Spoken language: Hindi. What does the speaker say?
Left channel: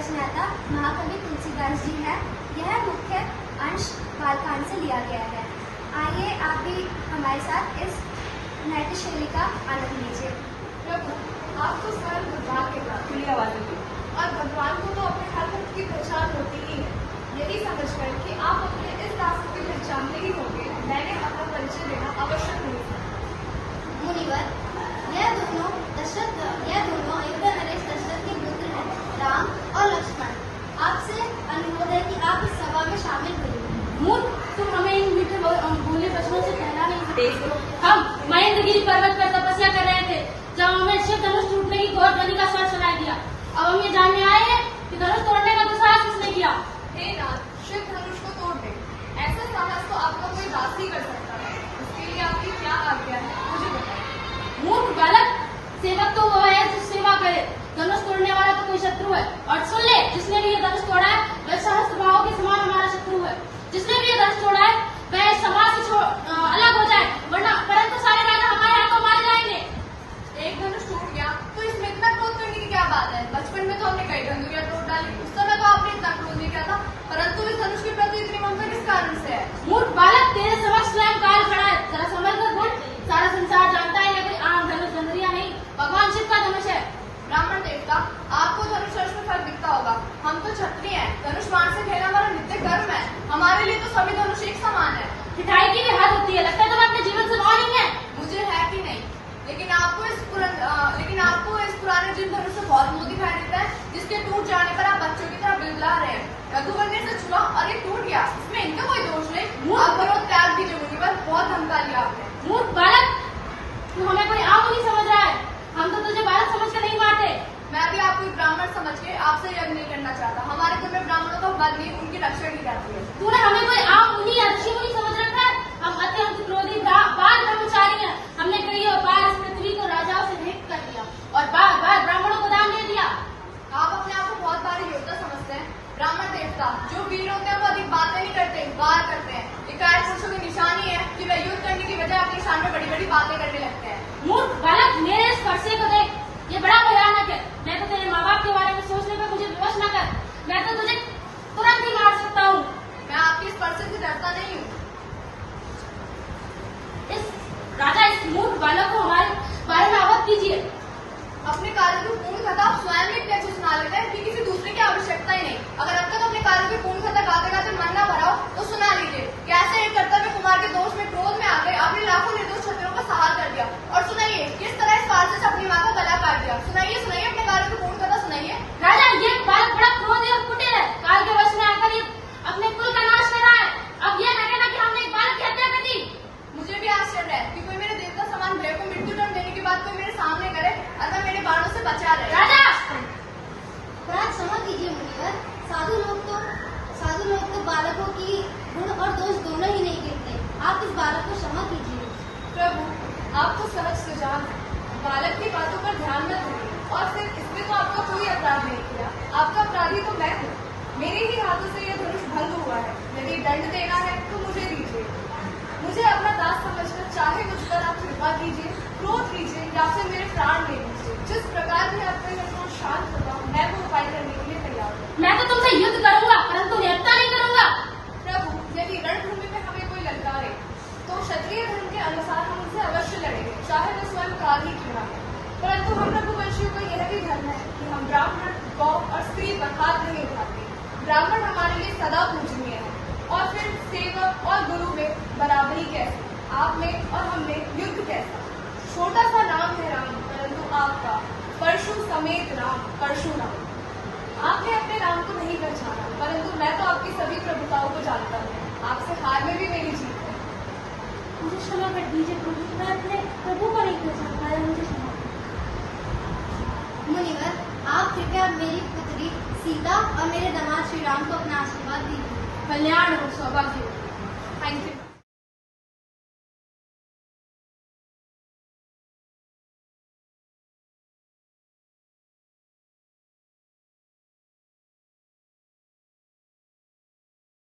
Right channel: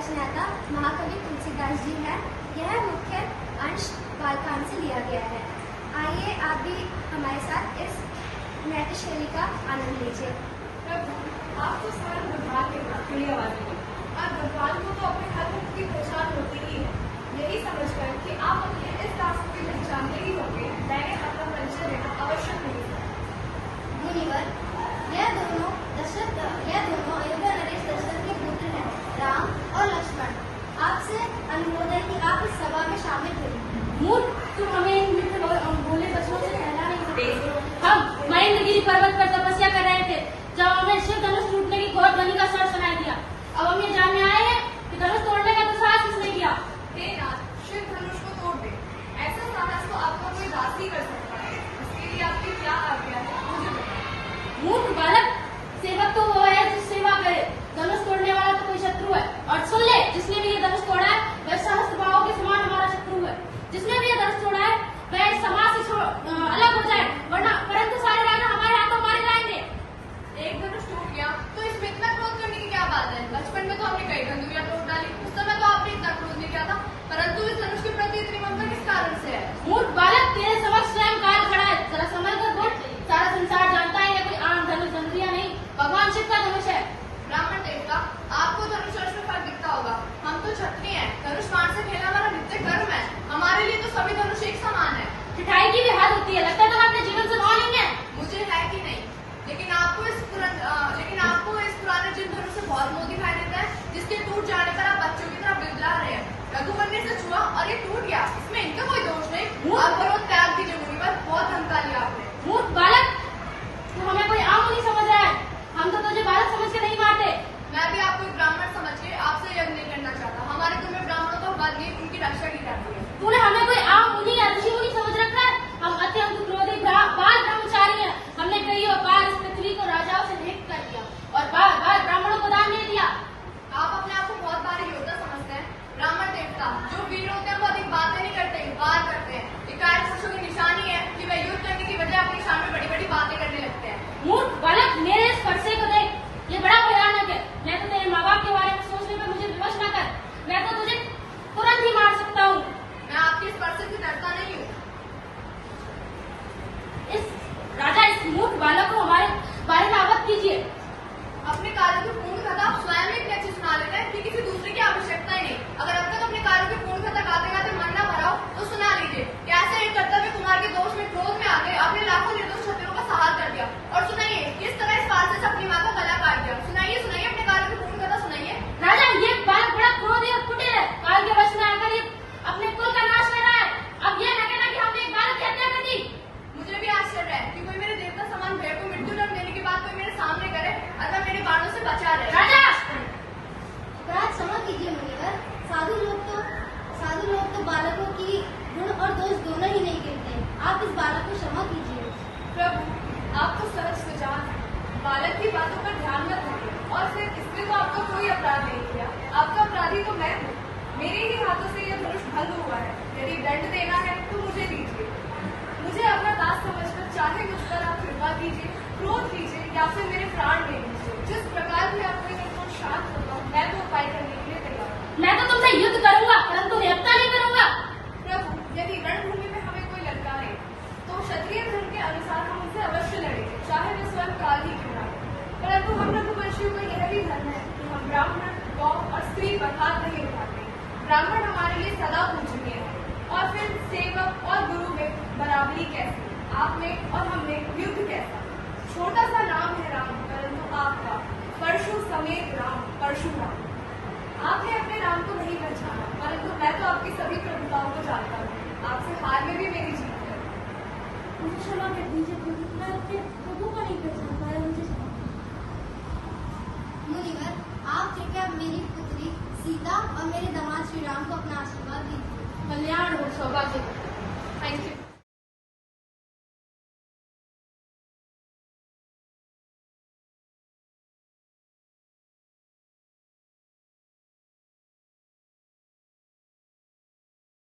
रचनाता महाकवि तुलसीदास जी हैं। यह मुख्य अंश बालकांड से लिया गया है। आइए आप भी हमारे साथ इस नाट्य शैली का आनंद लीजिए। आप तो सारे भगवान के प्रियवादी हैं और भगवान को तो अपने हर भक्त की पहचान होती ही है। यही समझकर कि आप अपने इस दास की पहचान ही होंगे, मैंने अपना परिचय देना आवश्यक नहीं है। मुनिवर, यह दोनों अयोध्या नरेश दशरथ के पुत्र हैं, राम और लक्ष्मण। आपसे अनुरोध है कि आप इस सभा में शामिल होइए। मूर्ख, तुम हमें इन मीठे बोले वचनों से कहना नहीं सकते। हम महेंद्रगिरी पर्वत पर तपस्या कर रहे थे जब हमें शिव धनुष टूटने की घोर ध्वनि का स्वर सुनाई दिया। अब हम ये जानने आए हैं कि धनुष तोड़ने का दुस्साहस किसने किया। हे नाथ, शिव धनुष को तोड़ दे। ऐसे साहस तो आपको कोई बात ही कर सकता है। इसके लिए आपकी क्या आज्ञा है, मुझे बताइए। मूर्ख बालक, सेवक तो वो है जो सेवा करे, धनुष तोड़ने वाला तो कोई शत्रु है। और सुन ले, जिसने भी ये धनुष तोड़ा है वह सहस्त्र भाव के समान हमारा शत्रु है। जिसने भी ये धनुष तोड़ा है वह समाज से अलग हो जाए, वरना परंतु सारे राजा हमारे हाथों मारे जाएंगे। एक धनुष टूट गया तो इसमें इतना क्रोध करने की क्या बात है। बचपन में तो हमने कई धनुरियां तोड़ डाली, उस समय तो आपने इतना क्रोध नहीं किया था, परंतु इस धनुष के प्रति इतनी ममता किस कारण से है। मूर्ख बालक, तेरे समक्ष स्वयं काल खड़ा है, जरा समझ कर बोल। सारा संसार जानता है ये कोई आम धनुष धनुरिया नहीं, भगवान शिव का धनुष है। ब्राह्मण देवता, आपको धनुष में फर्क दिखता होगा। हम तो क्षत्रिय हैं, धनुष बाण से खेलना हमारा नित्य कर्म है। हमारे लिए तो सभी धनुष एक समान है। पिटाई की भी हद होती है, लगता है तुम अपने जीवन से नौ नहीं है। मुझे है कि नहीं, लेकिन आपको इस पुराने जिन धनुष से बहुत मोह दिखाई देता है, जिसके टूट जाने पर आप बच्चों की तरह बिलबिला रहे हैं। रघुवर ने इसे छुआ और ये टूट गया, इसमें इनका कोई दोष नहीं। आप करो त्याग दीजिए मुनिवर, बहुत ममता लिया आपने। मूर्ख बालक, तू हमें कोई आम नहीं समझ रहा है। हम तो तुझे बालक समझ के नहीं मारते। मैं भी आपको एक ब्राह्मण समझ के आपसे यज्ञ नहीं करना चाहता। हमारे कुल में ब्राह्मणों का बल नहीं, उनकी रक्षा की जाती है। तूने हमें कोई आम मुनि या ऋषि मुनि समझ रखा है। हम अत्यंत क्रोधी बाल ब्रह्मचारी हैं। हमने कई बार इस पृथ्वी को राजाओं से भेंट कर दिया और बार बार ब्राह्मणों को दान नहीं दिया। आप अपने आप को बहुत भारी योद्धा समझते हैं। ब्राह्मण देवता जो वीर होते हैं वो अधिक बातें नहीं करते, वार करते हैं। इकाई पुरुषों की निशानी है कि वह युद्ध करने की बजाय अपने सामने बड़ी बड़ी बातें करने लगते हैं। मूर्ख बालक, मेरे इस स्पर्शे को देख, ये बड़ा भयानक है। मैं तो तेरे माँ बाप के बारे में सोचने पर मुझे विवश न कर, मैं तो तुझे तुरंत ही मार सकता हूँ। मैं आपकी स्पर्श से डरता नहीं हूँ। इस मूर्ख बालक को हमारे बारे में अवगत कीजिए। अपने कार्यों की पूर्ण कथा आप स्वयं में इतने अच्छे सुना लेते हैं कि किसी दूसरे की आवश्यकता ही नहीं। अगर अब तक अपने कार्यों की पूर्ण कथा गाते गाते मन न भरा हो तो सुना लीजिए। कैसे एक कर्तव्य कुमार के दोष में क्रोध में आकर आपने लाखों निर्दोष क्षत्रियों का सहार कर दिया। और सुनाइए किस तरह इस पालसे से अपनी माँ का गला काट दिया। सुनाइए सुनाइए, अपने कार्यों की पूर्ण कथा सुनाइए। राजा, ये बालक बड़ा क्रोधी और कुटिल है। काल के वश में आकर ये अपने कुल का नाश कर रहा है। अब यह न कहना कि हमने एक बालक की हत्या कर दी। मुझे भी आश्चर्य है कि कोई मेरे दिल का समान भय को मृत्यु दंड देने की बात कोई मेरे सामने करे और मैं मेरे बाणों से बचा रहे। राजा, अपराध क्षमा कीजिए मुनिवर। साधु लोग तो बालकों की गुण और दोष दोनों ही नहीं गिनते। आप इस बालक को क्षमा कीजिए। प्रभु, आपको सहज सुजान है, बालक की बातों पर ध्यान न दें और फिर इसमें तो आपको कोई अपराध नहीं किया। आपका अपराधी तो मैं हूँ। मेरे ही हाथों से यह धनुष भंग हुआ है। यदि दंड देना है तो मुझे दीजिए। मुझे अपना दास समझकर चाहे मुझ पर आप कृपा कीजिए, क्रोध कीजिए या फिर मेरे प्राण ले लीजिए। जिस प्रकार भी आपने मेरे को शांत होगा, मैं वो उपाय करने के लिए तैयार हूँ। मैं तो तुमसे युद्ध करूंगा, परंतु हत्या नहीं करूंगा। प्रभु, यदि रणभूमि में हमें कोई ललकारे तो क्षत्रिय धर्म के अनुसार हम उनसे अवश्य लड़ेंगे, चाहे वो स्वयं काल ही क्यों ना। परंतु हम रघुवंशियों को यह भी धर्म है कि हम ब्राह्मण, गौ और स्त्री पर हाथ नहीं उठाते। ब्राह्मण हमारे लिए सदा पूजनीय है। और फिर सेवक और गुरु में बराबरी कैसे, आप में और हम में युद्ध कैसा। छोटा सा नाम है राम, परंतु आपका परशु समेत राम, परशुराम। आपने अपने नाम को नहीं पहचाना, परंतु मैं तो आपकी सभी प्रभुताओं को जानता हूँ। आपसे हार में भी मेरी जीत है। मुझे क्षमा कर दीजिए प्रभु, मैं अपने प्रभु को नहीं पहचान पाया, मुझे क्षमा। मुनिवर, आप कृपया मेरी पुत्री सीता और मेरे दामाद श्री राम को अपना आशीर्वाद दीजिए। कल्याण हो, सौभाग्य हो। Thank you.